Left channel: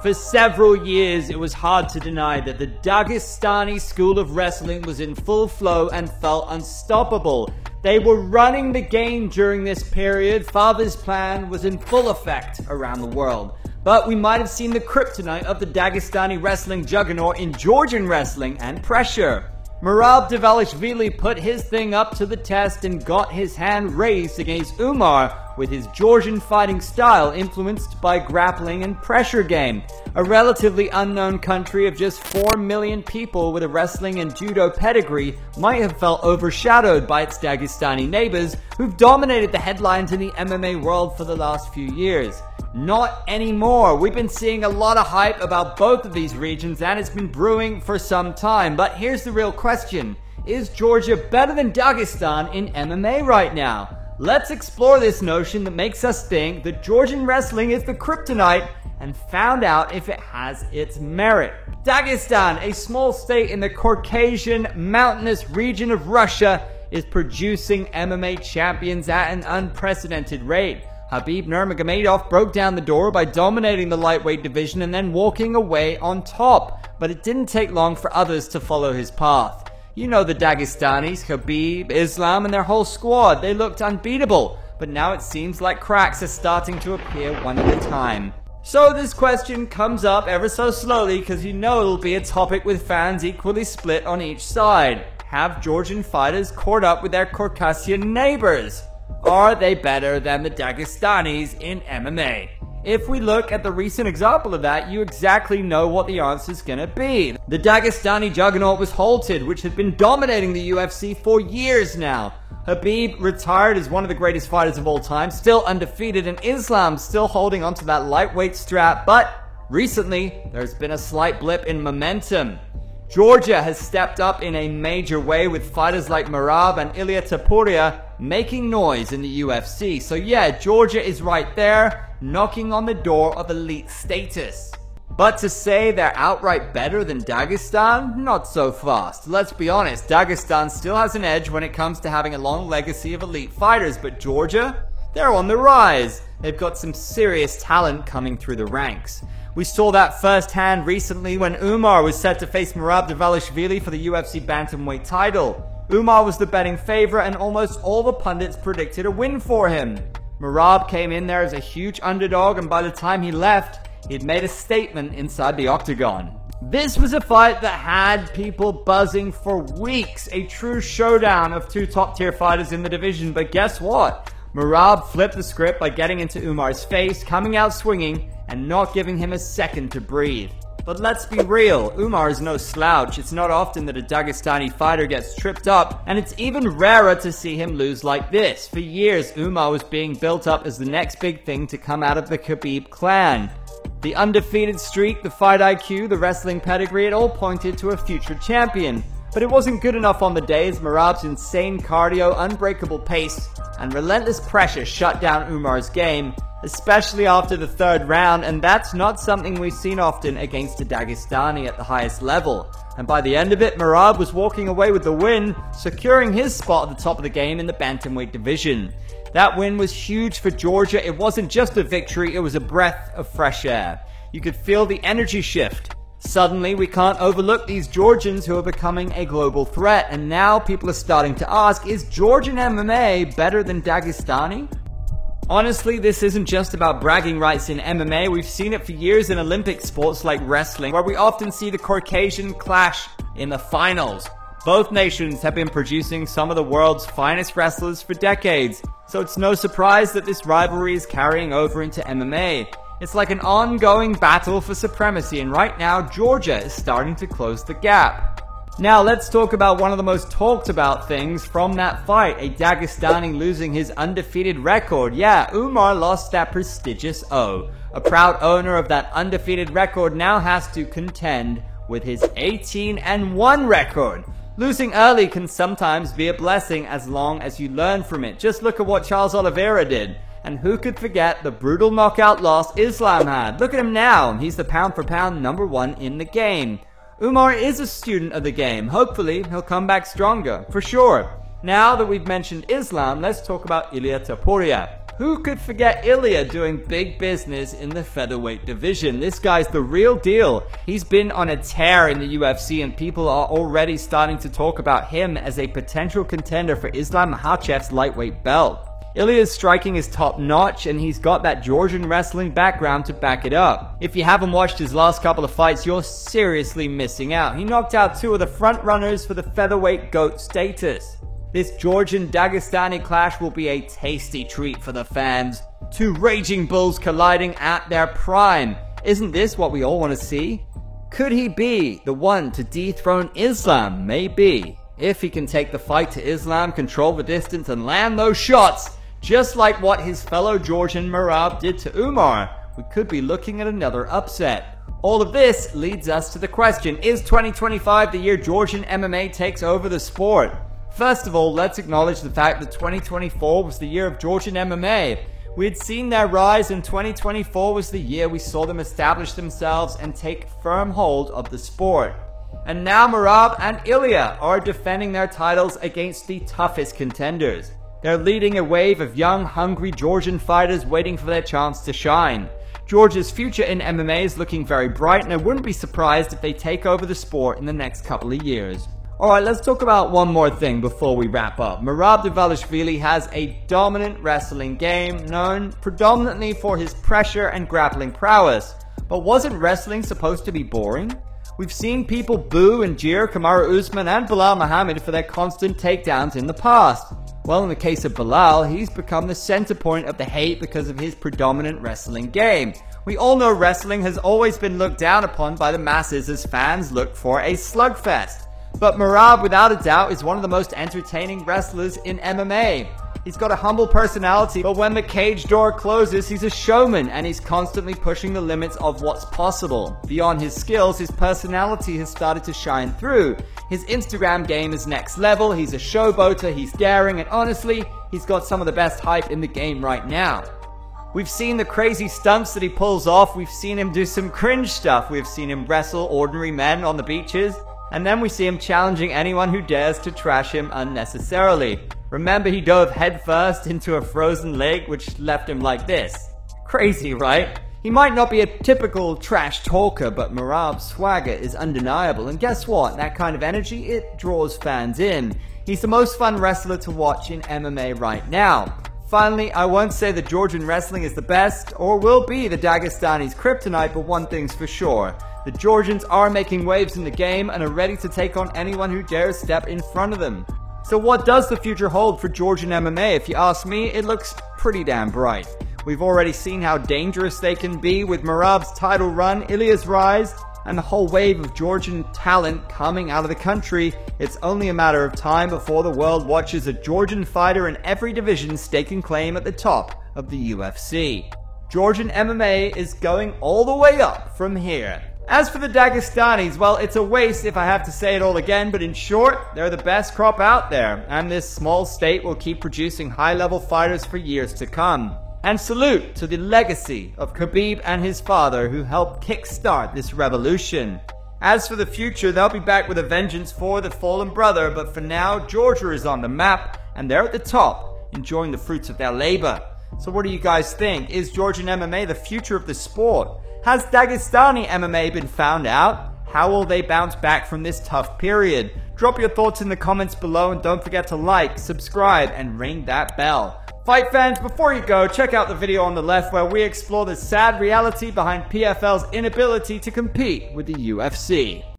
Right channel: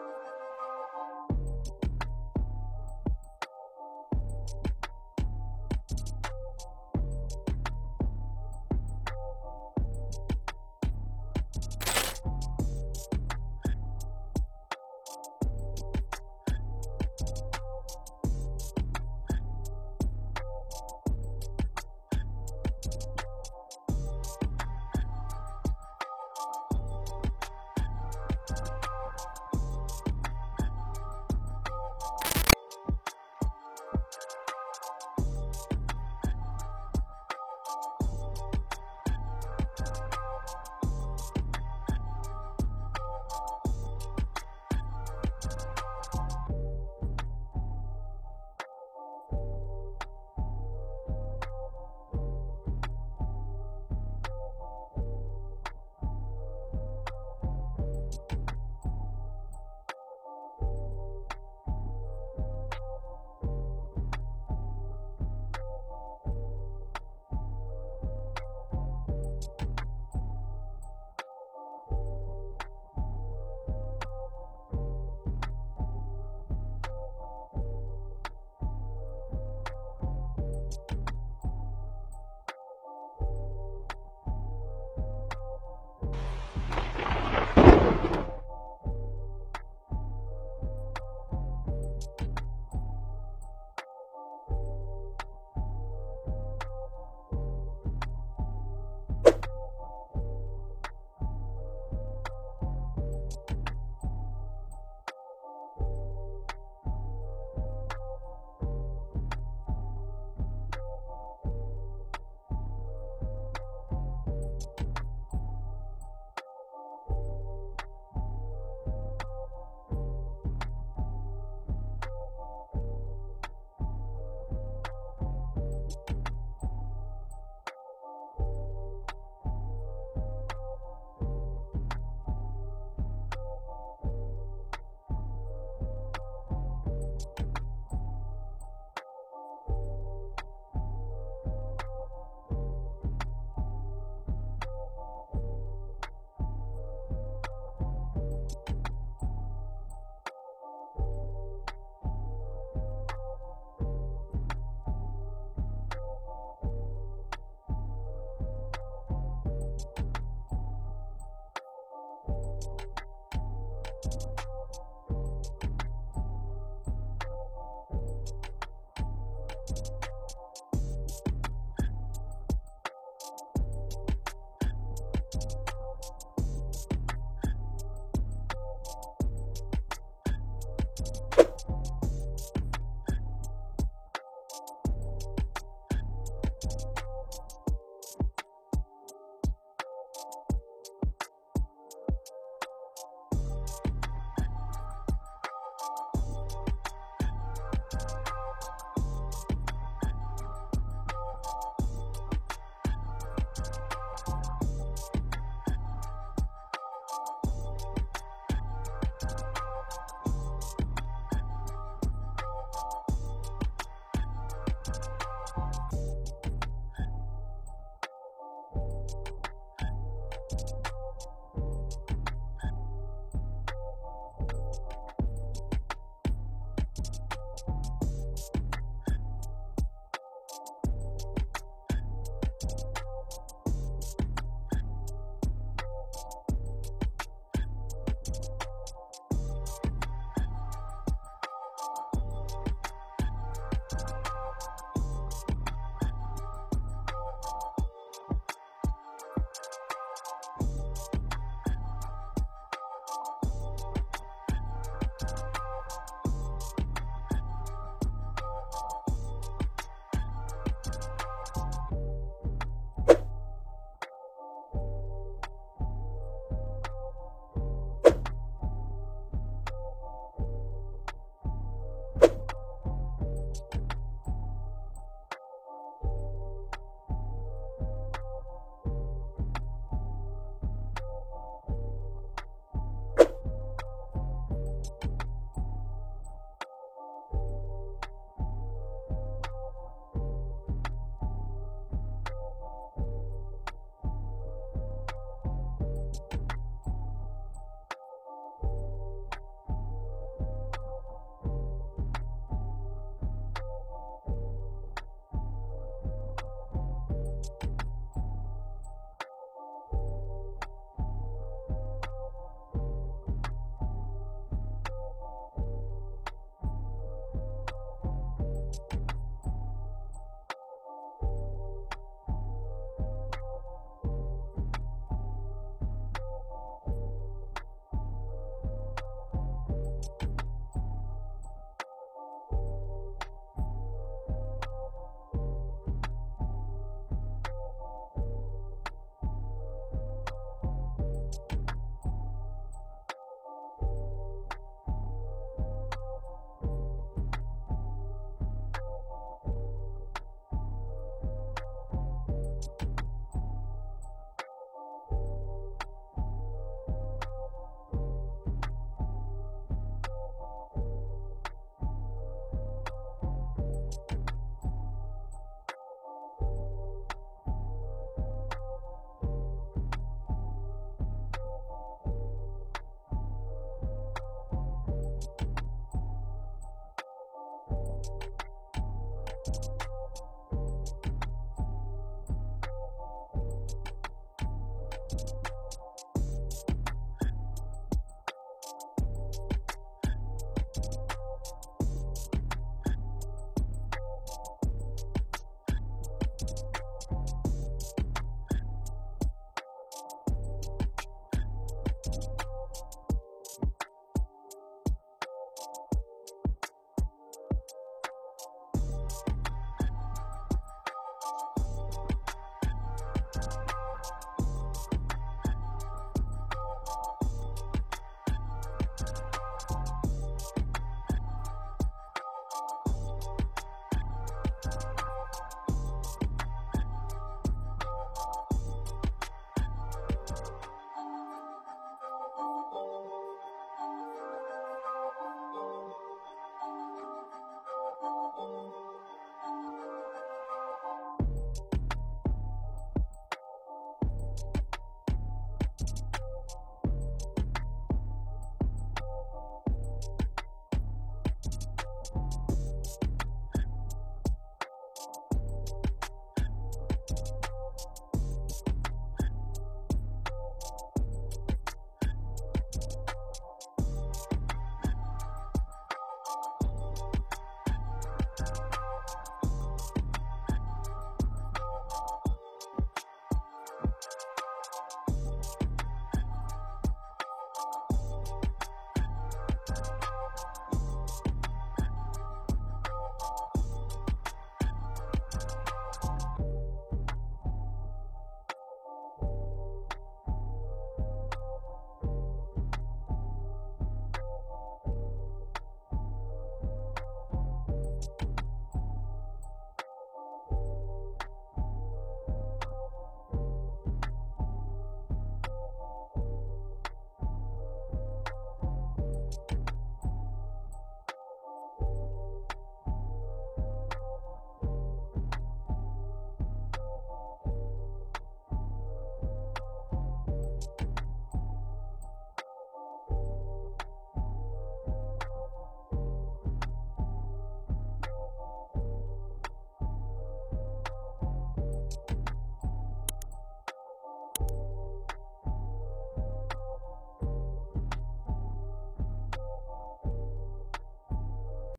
For several years, it was hard to deny that the Dagestani school of wrestling was in full flow and felt unstoppable. They were running the game during this period. Father's plan was in full effect around the world. But we might have seen the kryptonite of the Dagestani wrestling juggernaut in Georgian wrestling and pressure. Merab Dvalishvili put his thing up to the test and got his hand raised against Umar with his Georgian fighting style influenced by grappling and pressure game. A relatively unknown country of just 4 million people with a wrestling and judo pedigree might have felt overshadowed by its Dagestani neighbors who've dominated the headlines in the MMA world for the last few years. Not anymore. We've been seeing a lot of hype about both of these regions and it's been brewing for some time. But here's the real question. Is Georgia better than Dagestan in MMA right now? Let's explore this notion that makes us think that Georgian wrestling is the kryptonite and find out if it has its merit. Dagestan, a small state in the Caucasian mountainous region of Russia, is producing MMA champions at an unprecedented rate. Khabib Nurmagomedov broke down the door by dominating the lightweight division and then walking away on top. But it didn't take long for others to follow his path. You know the Dagestanis, Khabib, Islam, and their whole squad. They looked unbeatable. But now it seems like cracks are starting to appear one at a time. So this question comes up ever so slowly because you know it'll be a topic with fans equally split on each side. Have Georgian fighters caught up with their Caucasian neighbors? Are they better than the Dagestanis in MMA? If we look at the recent example of that, you exactly know what the answer is going to be. The Dagestani juggernaut was halted, which had been dominating the UFC for years now. Khabib retired as one of the greatest fighters of all time, still undefeated, and Islam still holding onto that lightweight strap. But recently, there's been a slight blip in momentum. Georgia has stepped up in a major way with fighters like Merab and Ilia Topuria making noise in the UFC. So yeah, Georgia is right there, knocking on the door of elite status. But to say they're outright better than Dagestan? Not so fast. Let's be honest, Dagestan still has an edge when it comes to having a long legacy of elite fighters, but Georgia? They're on the rise. They've got some serious talent coming through the ranks. We saw that firsthand recently when Umar was set to face Merab Dvalishvili for the UFC bantamweight title. Umar was the betting favorite and almost all the pundits predicted a win for him. Merab came in there as a huge underdog, and by the time he left, he'd made a statement inside the octagon. This was a fight that had people buzzing for weeks, a true showdown of two top-tier fighters in the division, but guess what? Merab flipped the script by getting into Umar's face, coming out swinging, and not giving him a second to breathe. But let's be real, Umar is no slouch. It's not often that a Dagestani fighter gets tripped up, and it's even rarer to see him lose like this. For years, Umar was being built up as the next big thing to come out of the Khabib clan. The undefeated streak, the fight IQ, the wrestling pedigree, it all pointed to a future champion. But it wasn't good enough on the day as Merab's insane cardio, unbreakable pace, and relentless pressure shut down Umar's game, especially after the third round, and that's not something we've seen often against a Dagestani at the highest level. And by the end of it, Merab was walking away with the win, securing his spot at the top of the game in the bantamweight division. That win was huge for Georgia. It wasn't just a victory, it was a breath of fresh air. You could feel the energy shift. Suddenly, we can't overlook these Georgians who are becoming a global threat, and now people are starting to ask, is Georgian MMA better than Dagestani? Honestly, this isn't just about bragging rights in MMA. We've seen it for years in Olympic sports like wrestling, where we often see the Caucasian clash in the finals. Both nations have been producing some of the world's finest wrestlers for decades, so it's no surprise that this rivalry is carrying over into MMA. It's like an ongoing battle for supremacy, and right now, Georgia is starting to close the gap. Now, let's talk about one of the most talked about things from that fight, a Dagestani losing his undefeated record. Yeah, Umar lost that prestigious O. A proud owner of that undefeated record now has to contend with his 18-1 record. Losing early can sometimes be a blessing as long as you learn from it. Just look at what Charles Oliveira did. And who could forget the brutal knockout loss Islam had? Look at him now. He's the pound-for-pound #1 in the game. Umar is a student of the game. Hopefully, he'll come back stronger, for sure. Now that we've mentioned Islam, let's talk about Ilia Topuria. Who could forget Ilya doing big business in the featherweight division? This guy's the real deal. He's been on a tear in the UFC, and people are already starting to talk about him as a potential contender for Islam Makhachev's lightweight belt. Ilya's striking is top-notch, and he's got that Georgian wrestling background to back it up. If you haven't watched his last couple of fights, you're seriously missing out. He knocked out two of the front-runners for the featherweight GOAT status. This Georgian-Dagestani clash will be a tasty treat for the fans. Two raging bulls colliding at their prime. Isn't this what we all want to see? Could he be the one to dethrone Islam? Maybe. If he can take the fight to Islam, control the distance, and land those shots, just like what his fellow Georgian Merab did to Umar, we could be looking at another upset. All of this leads us to the question, is 2025 the year Georgian MMA takes over the sport? First of all, let's acknowledge the fact that 2024 was the year of Georgian MMA. We had seen their rise, and 2024 was the year we saw them establish themselves and take firm hold of the sport. And now Merab and Ilya are defending their titles against the toughest contenders. They're leading a wave of young, hungry Georgian fighters waiting for their chance to shine. Georgia's future in MMA is looking very bright, and I wouldn't be surprised if they take over the sport in the next couple of years. Alright, let's talk about one more thing before we wrap up. Merab Dvalishvili has a dominant wrestling game, known predominantly for his pressure and grappling prowess. But wasn't wrestling supposed to be boring? We've seen people boo and jeer Kamaru Usman and Belal Muhammad for their constant takedowns in the past. Well, in the case of Belal, he's become the center point of the hate because of his predominant wrestling game. We all know wrestling has always been looked down upon by the masses as fans look for a slugfest. But Merab, without a doubt, is one of the most entertaining wrestlers in MMA. He's got a humble personality, but when the cage door closes, he's a showman, and he's constantly pushing the limits of what's possible. Beyond his skills, his personality has started to shine through. His Instagram game is next level, he's a showboater, he's daring, and honestly, he's got some of the best hype in the game right now. We've seen the crazy stunts that he pulls off, we've seen him do some cringe stuff, we've seen him wrestle ordinary men on the beaches, and then we see him challenging anyone who dares to trash him unnecessarily. Remember, he dove headfirst into a frozen lake, which left him like this. Crazy, right? He might not be a typical trash talker, but Merab's swagger is undeniable, and guess what? That kind of energy, it draws fans in. He's the most fun wrestler to watch in MMA right now. Finally, I won't say that Georgian wrestling is the best, or will be the Dagestani's kryptonite, but one thing's for sure. The Georgians are making waves in the game and are ready to take on anyone who dares step in front of them. So what does the future hold for Georgian MMA? If you ask me, it looks pretty damn bright. We've already seen how dangerous they can be with Merab's title run, Ilya's rise, and the whole wave of Georgian talent coming out of the country. It's only a matter of time before the world watches a Georgian fighter in every division staking claim at the top of the UFC. Georgian MMA is going all the way up from here. As for the Dagestanis, well, it's a waste if I have to say it all again, but in short, they're the best crop out there, and this small state will keep producing high-level fighters for years to come. And salute to the legacy of Khabib and his father, who helped kickstart this revolution. As for the future, they'll be back with a vengeance for the fallen brother, but for now, Georgia is on the map, and they're at the top, enjoying the fruits of their labor. So what do you guys think? Is Georgian MMA the future of the sport? Has Dagestani MMA been found out? How will they bounce back from this tough period? Drop your thoughts in the comments below, and don't forget to like, subscribe, and ring that bell. Fight fans, before you go, check out the video on the left where we explore the sad reality behind PFL's inability to compete with the UFC.